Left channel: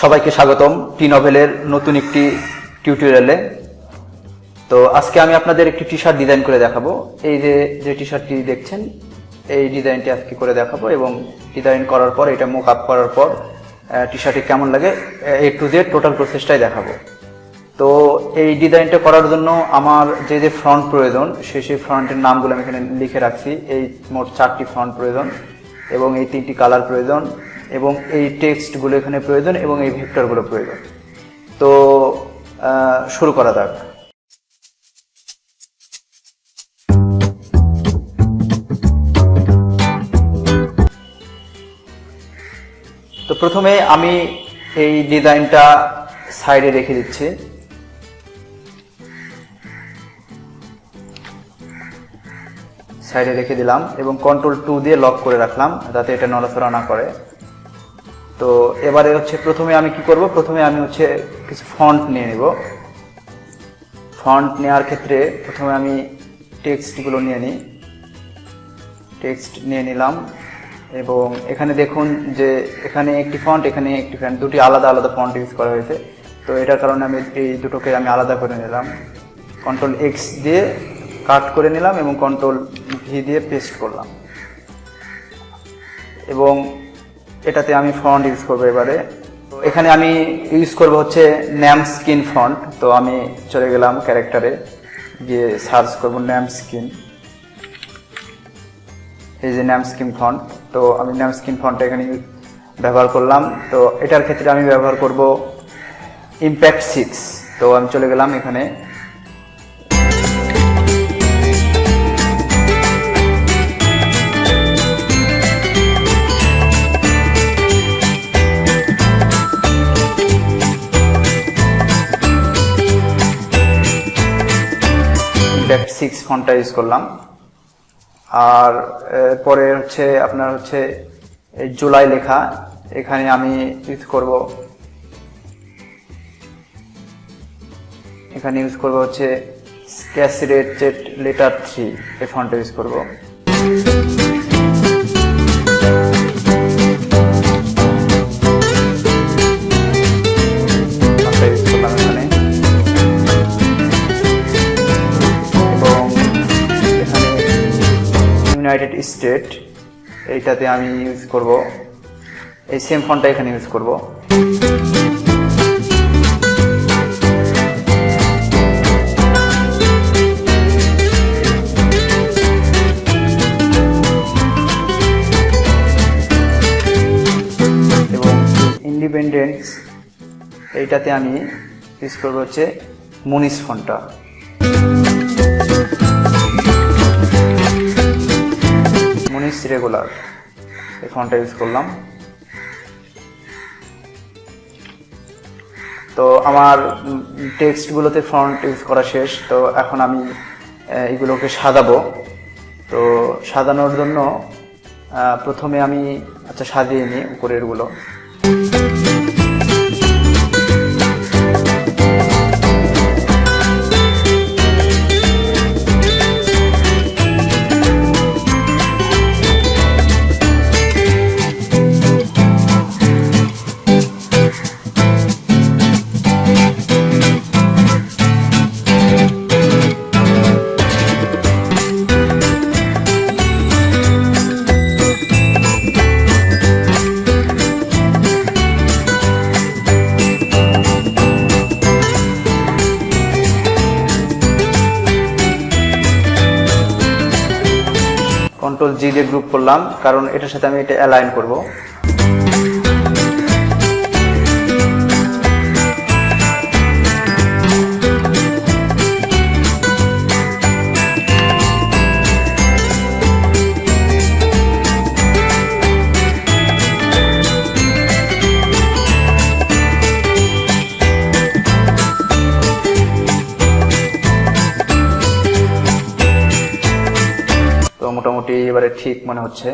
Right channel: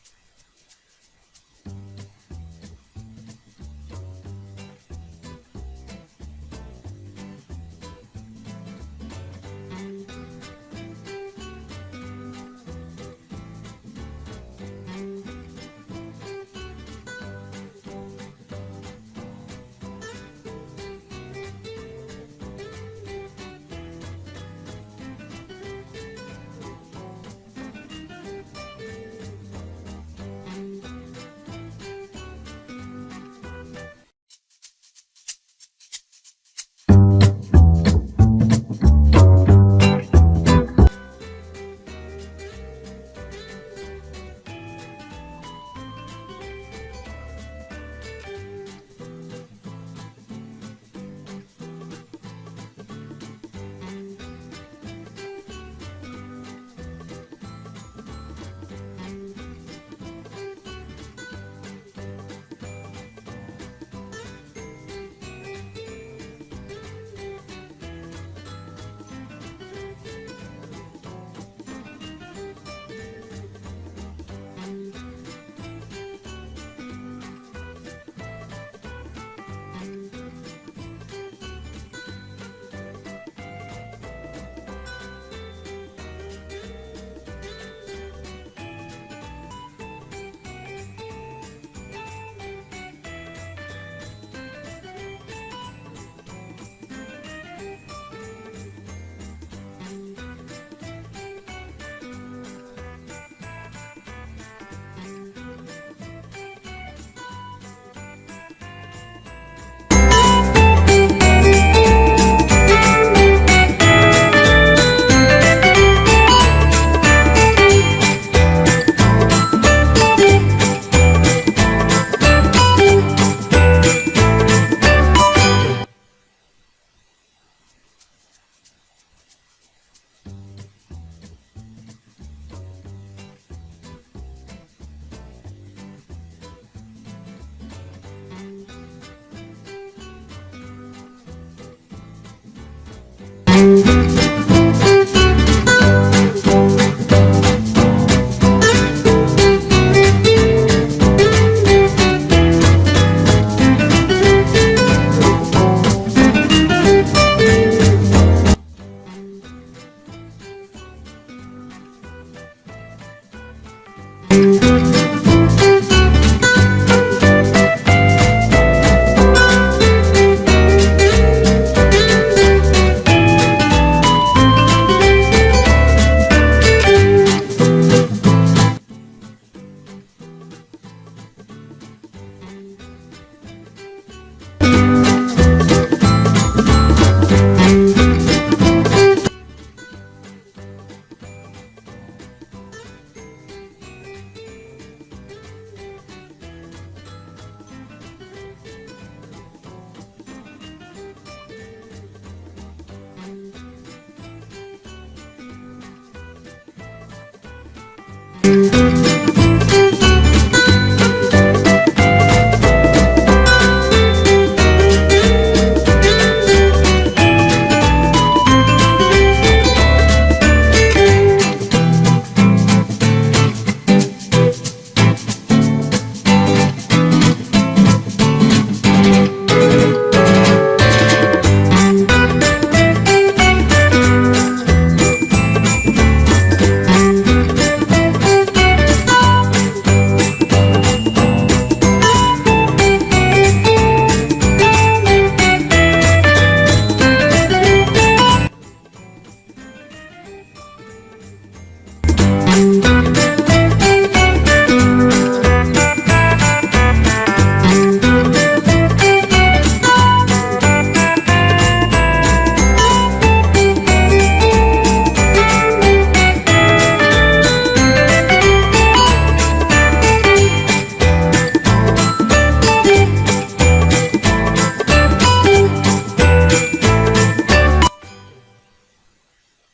সবাইকে স্বাগতম টি নভেলের নতুন একটি টিউটোরিয়ালে। তো আজকে আমি আপনাদের একটি টি শার্ট ডিজাইন করে দেখাবো। এই যে টি শার্টটি দেখছেন, এই ডিজাইনটি আজকে করে দেখাবো এবং ডিজাইন করার পর এটা মুক আপ করার পর টি শার্টটি কেমন লাগে A to Z টোটাল প্রসেসটাই দেখাবো। তো এই ডিজাইনটা করার জন্য আমার যে ফ্রন্ট প্রয়োজন সেই ফ্রন্টের নামগুলো আমি এখানে লিখে রাখছি। এই মোট 4টি ফ্রন্ট প্রয়োজন এবং এই 3টি কালার প্রয়োজন এবং এই টেক্সটগুলো এখানে প্রয়োজন এবং এই ভেক্টরগুলো প্রয়োজন। তো শুরু করা যাক। তো প্রথমে আমি এই ডিজাইনটা সাইডে রেখে দিচ্ছি। সাইডে রেখে দিলাম এবং কন্ট্রোল 2 দিয়ে লক করে রাখলাম যাতে এটা নড়াচড়া না করে। তো এবারে প্রথমে আমি কি করব, প্রথমে আমি কিছু ফন্ট নিয়ে নিব। ফন্ট নেওয়ার ক্ষেত্রে প্রথমে আমি টেক্সটগুলো নিয়ে নিই। টেক্সট নিয়ে নিলাম এবং এখানে দেখুন যে এখানে একটি ফন্ট, এখানে একটি ফন্ট, দুটি আলাদা আলাদা ফন্ট ইউজ করা হয়েছে। তো এটার কারণে আমি এই দুটোকে আমি আলাদা করে নিলাম। কন্ট্রোল X দিয়ে কাট করে নিলাম এবং কন্ট্রোল V দিয়ে পেস্ট করলাম এবং এটাতে আমি ফন্ট ইউজ করবো। এবারে এখানে আমি ইউজ করব ন্যাম স্কিন ফন্ট। তো আমি চলে গেলাম ক্যারেক্টারে গিয়ে সার্চ করব ন্যাম স্কিন। এই যে ন্যাম স্কিন ফন্ট, তো আমি ন্যাম স্কিন ফন্টটা এখানে ব্যবহার করলাম। তো এটার ক্ষেত্রে আমি ব্যবহার করব ইম্প্যাক্ট 6। তো আমি চলে গেলাম এখানে ফন্টটা ইউজ করলাম। আর পরে আপনার এই জুলাই লেখা, এখানে আমি ইউজ করব, এখানে ইউজ করব স্যাচুরেটেড লেটার 3, এই ফন্টটা ইউজ করব। ইউনাইটেড স্টেট, এইটাতে আমি ইউজ করব এই সেম ফন্টটা এখানে ইউজ করব। এবং ইন্ডিপেন্ডেন্স, এইটাতে আমি ইউজ করব মুনিস ফন্টটা। রেগুলার, এই ফন্টটা ইউজ করলাম। তো আমার টেক্সটগুলোতে ফন্ট ইউজ করা শেষ। তো এখন আমি এগুলোকে সাজাবো। তো সাজানোর জন্য প্রথমে আমি সাজিয়ে নিই উপরেরগুলো। কন্ট্রোল G দিয়ে গ্রুপ করলাম কারণ এটার সাথে আমি এটা অ্যালাইন করব। মোটামুটি এবারে ঠিক মনে হচ্ছে।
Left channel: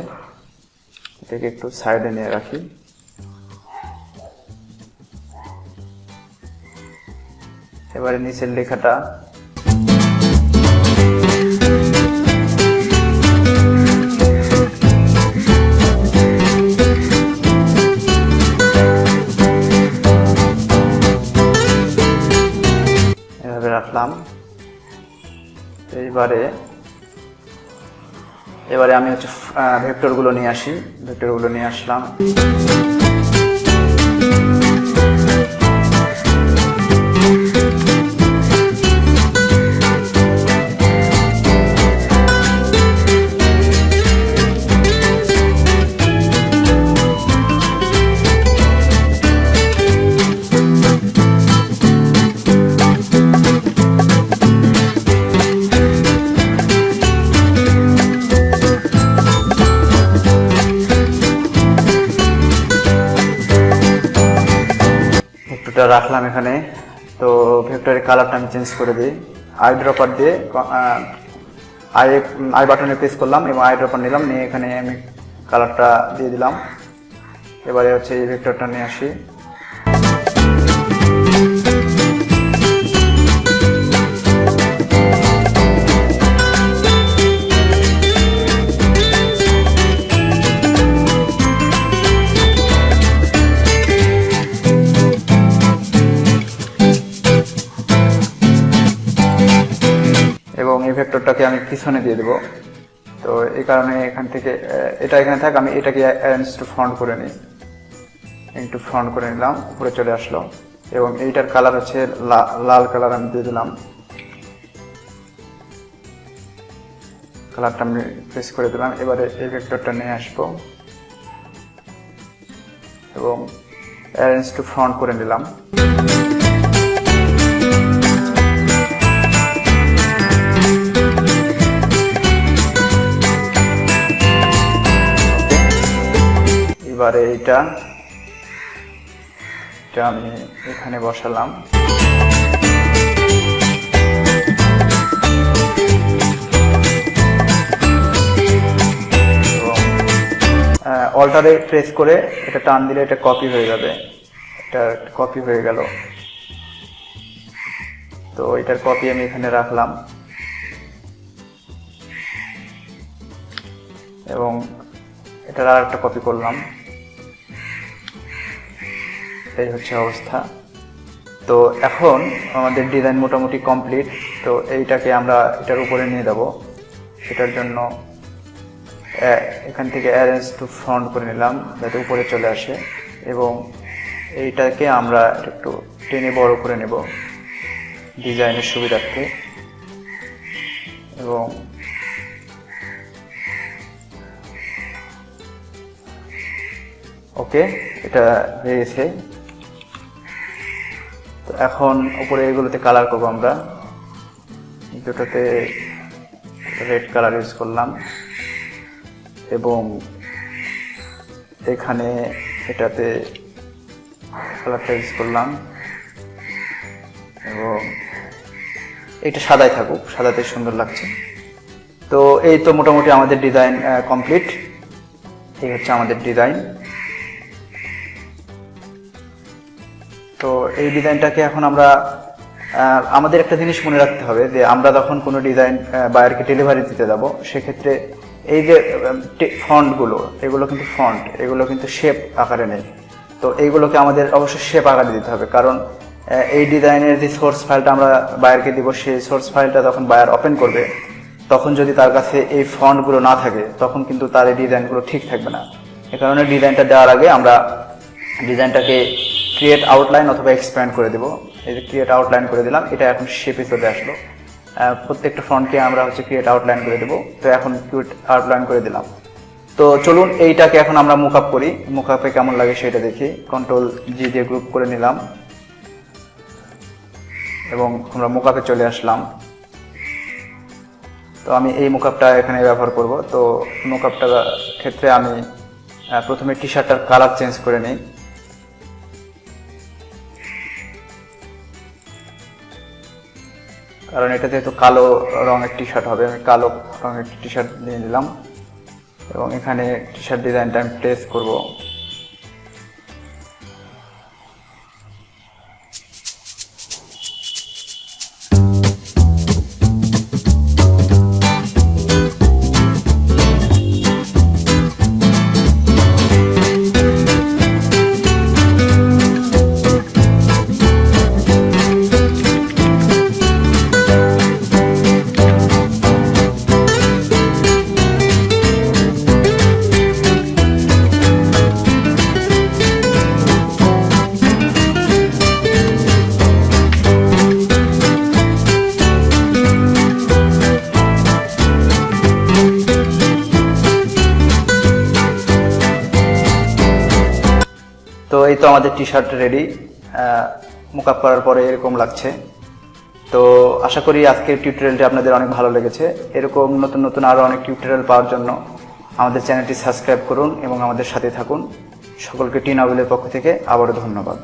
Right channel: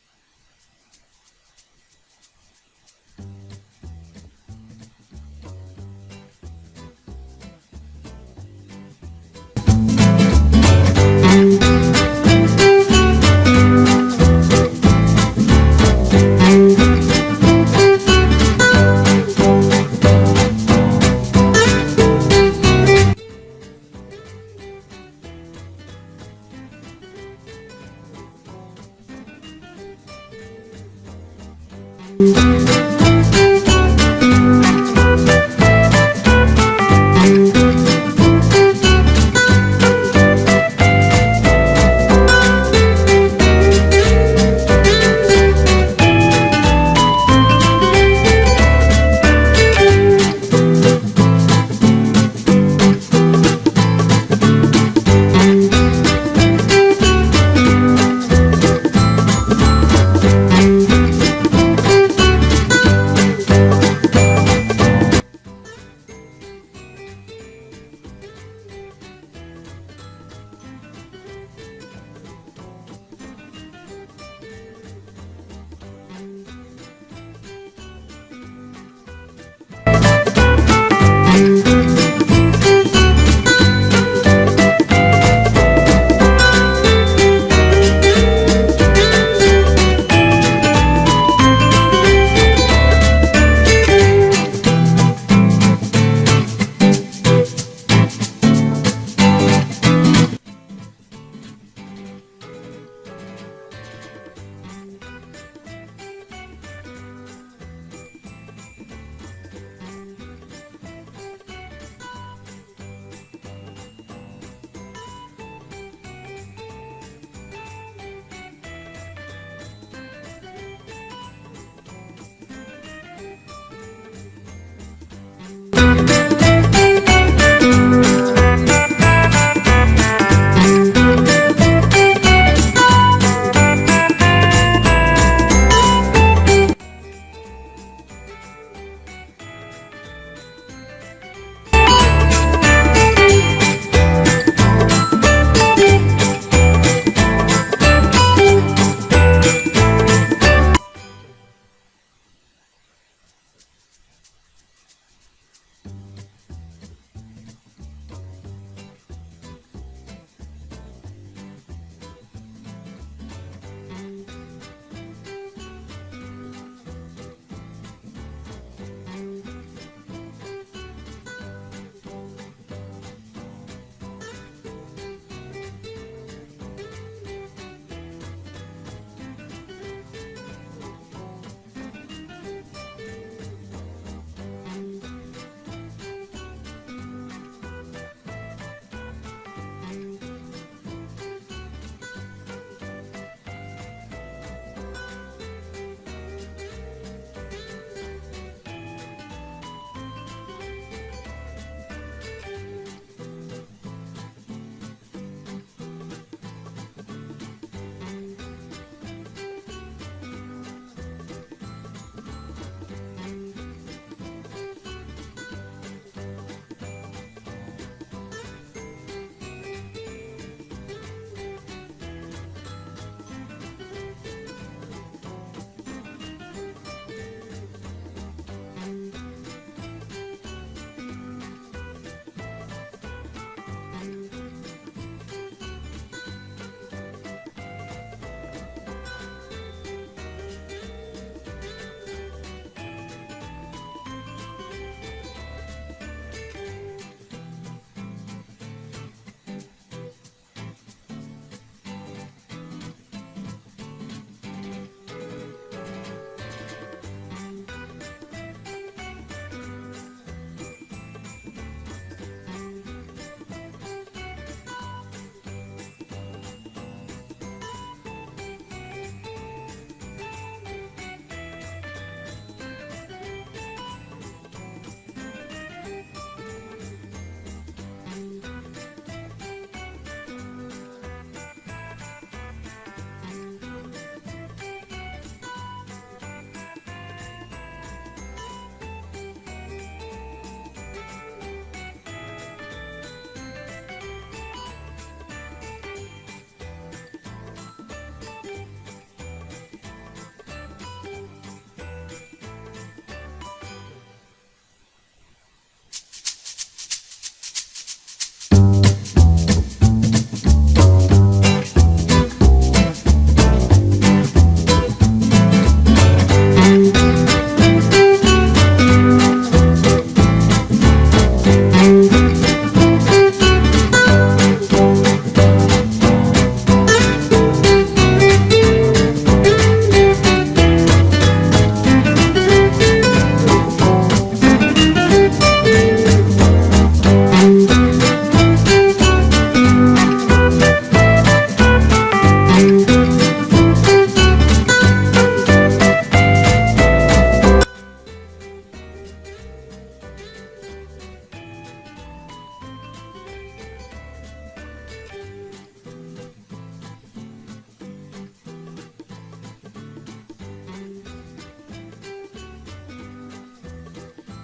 এটাকে একটু সাইডে নিয়ে রাখি। এবারে নিচের লেখাটা এবারে আমি হচ্ছে ভেক্টরগুলো নিয়ে আসি, ভেক্টরগুলো নিয়ে আসলাম। রাখলাম এখানে। তো ভেক্টরের কালারটা আমি চেঞ্জ করে দিই, আই ড্রপার দিয়ে আই বাটনে প্রেস করলাম এবং আই ড্রপার নিলাম, নিয়ে এখানে আমি কালারটা দিয়ে দিলাম। এবারে হচ্ছে এই ভেক্টরটা নিয়ে আসি, এবং এই ভেক্টরটাকে আমি পিছনে দিয়ে দেবো। তো এই কারণে এখান থেকে এটা এখানে থাক, আমি এটাকে অ্যারেঞ্জ টু ফ্রন্ট করে নিই, একটু ফ্রন্ট করে নিলাম, উপরে চলে আসলো। এবং এইটার কালার হচ্ছে লাল কালার আমি দিয়ে দিলাম, কালারটা আমি প্রেস করে দিলাম। এবারে এই ভেক্টরটা নিয়ে আসবো এবং অ্যারেঞ্জ টু ফ্রন্ট করে নিলাম। এবারে এটা আমি এখানে বসালাম। অল্টারে প্রেস করে এটা টান দিলে এটা কপি হয়ে যাবে, এটা কপি হয়ে গেল। তো এটার কপি আমি এখানে রাখলাম এবং এটার আর একটা কপি করলাম। এই হচ্ছে অবস্থা। তো এখন আমাদের ডিজাইন মোটামুটি কমপ্লিট। তো এইটাকে আমরা এটার উপরে নিয়ে যাব, সেটার জন্য এখান থেকে অ্যারেঞ্জ টু ফ্রন্ট করে নিলাম যাতে উপরে চলে আসে, এবং এইটাকে আমরা একটু টেনে বড় করে নেব ডিজাইনের সুবিধার্থে। এবং ওকে, এটা হয়ে গেছে। তো এখন উপরে এগুলোতে কালার করবো আমরা, দুটোতে রেড কালার ইউজ করলাম এবং এখানে এটাতে কালারটা ইউজ করলাম এবং এটা সাদাই থাকুক, সাদাতে সুন্দর লাগছে। তো এই তো মোটামুটি আমাদের ডিজাইন কমপ্লিট। এই হচ্ছে আমাদের ডিজাইন। তো এই ডিজাইনটাকে এখন আমরা আমাদের একটা জিনিস মনে রাখতে হবে যে আমরা যখন কোনো ডিজাইন বায়ারকে ডেলিভারি দিতে যাব, সেক্ষেত্রে এই যে ফন্টগুলো, এগুলো কিন্তু ফন্ট, এগুলো কিন্তু শেপ আকারে নেই। তো এইগুলোকে আমাদের অবশ্যই শেপ আকারে দিতে হবে, কারণ এই ডিজাইনের যে সোর্স ফাইলটা আমরা বায়ারকে দিব, সেই সোর্স ফাইলটা যখন বায়ার ওপেন করবে, তখন যদি তার কাছে এই ফন্টগুলো না থাকে, তখন কিন্তু তার এই ডিজাইনগুলো ঠিক থাকবে না। এ কারণে ডিজাইনটা দেওয়ার আগে আমরা ডিজাইনটাকে ক্রিয়েট আউটলাইন অথবা এক্সপ্যান্ড করে দেবো। এই যে ক্রিয়েট আউটলাইন করে দিলাম, এটা এখন শেপে চলে আসলো। প্রত্যেকটা ফন্টকে আমরা হচ্ছে ক্রিয়েট আউটলাইন করে দেবো। তো এখন ক্রিয়েট আউটলাইন করে দিলাম। তো চলুন এইটাকে এখন আমরা মুকআপ করি, মুকআপে কেমন লাগে সেটা দেখি। কন্ট্রোল জি দিয়ে গ্রুপ করে নিলাম এবং আমরা মুকআপে চলে আসলাম। তো আমি এই মুকআপটা এখানে ব্যবহার করব। তো মুকআপটার ক্ষেত্রে আমি প্রথমে টি শার্টটার কালার চেঞ্জ করে নিই। কারণ এটা যেহেতু কালো রঙের টি শার্ট হবে, আমি কালো রঙের টি শার্ট নিয়ে নিলাম এবং এখানে টি শার্ট ডিজাইনটা আমি প্লেস করব। তো আমাদের টি শার্ট রেডি, মোকআপ করার পরে এরকম লাগছে। তো আশা করি আজকের টিউটোরিয়ালটি আপনাদের অনেক ভালো লেগেছে। এরকম নতুন নতুন আরও অনেক টিউটোরিয়াল পাওয়ার জন্য আমাদের চ্যানেলটি সাবস্ক্রাইব করুন এবং আমাদের সাথে থাকুন। সকলকে টি নভেলের পক্ষ থেকে আবারও ধন্যবাদ।